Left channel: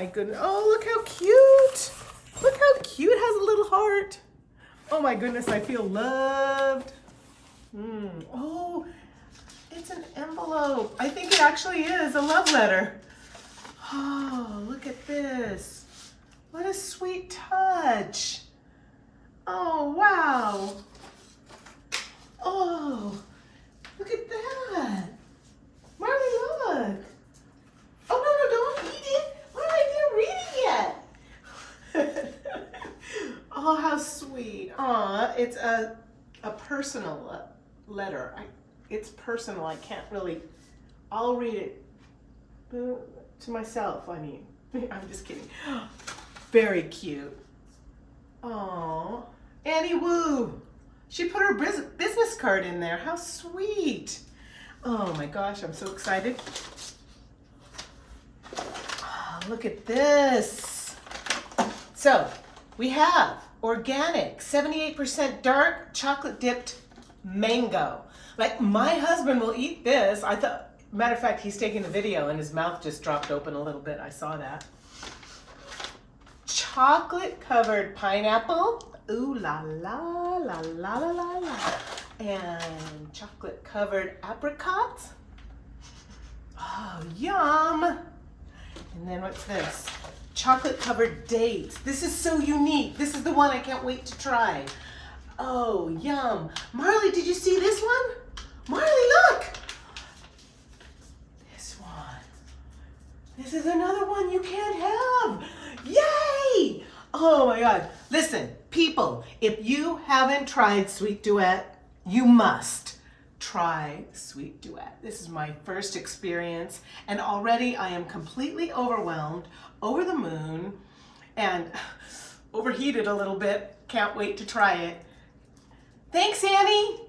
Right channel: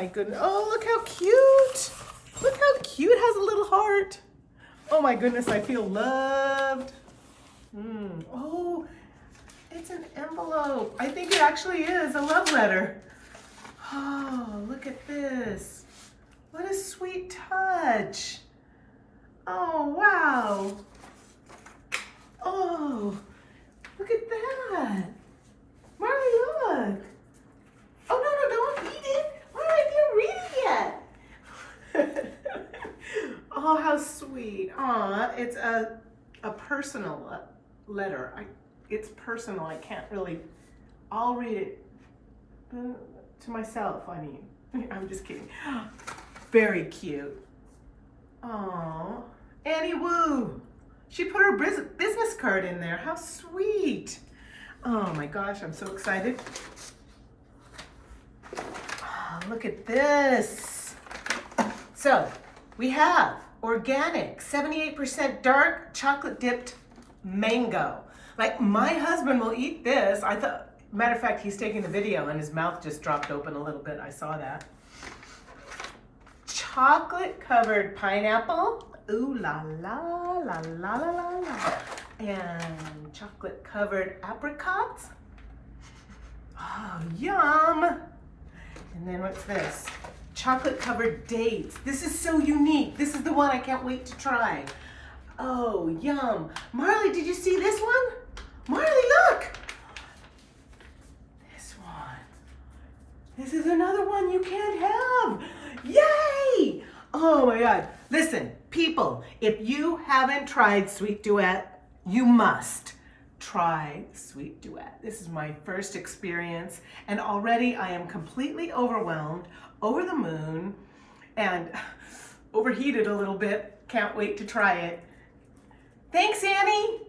my goodness. Oh, look how cute. Look how cute. It has a little heart. Oh my goodness, I feel loved. Oh, it's an envelope. I think it actually is a love letter. Oh, look at this. What a sweet touch. Oh, wow. Oh, look at that. Marley, look. Oh, no, don't eat it. Why am I didn't read it yet? Oh, how sweet. Aw, it's a personal letter. It's personal. I can't really, I'll read it to myself, I mean. I'm just kidding. Very cute. Oh, Annie Wu. She put her business card in there. How sweet. Oh my gosh, I'm so excited. Oh, look at this. So we have organic, 78% dark chocolate dipped mango. Like my husband will eat this. Matter of fact, he's taking the video and his mouth just dropped open a little bit. I saw that. Chocolate covered pineapple. Ooh la la la la la la la. And chocolate covered apricots. Oh, yum. And then what's this? Chocolate covered dates. This is so unique. This is the one I can't wait to try. Oh, yum. Marley, did you see this one? Marley, look. This one. This is another one you can't have. Yay! Oh my God. Listen, people, if you haven't tried Sweet Duet, you must try Sweet Duet. This is my first experience, and already I am completely overwhelmed, over the moon, and overheated a little bit. Can't wait to try it. Thanks, Annie.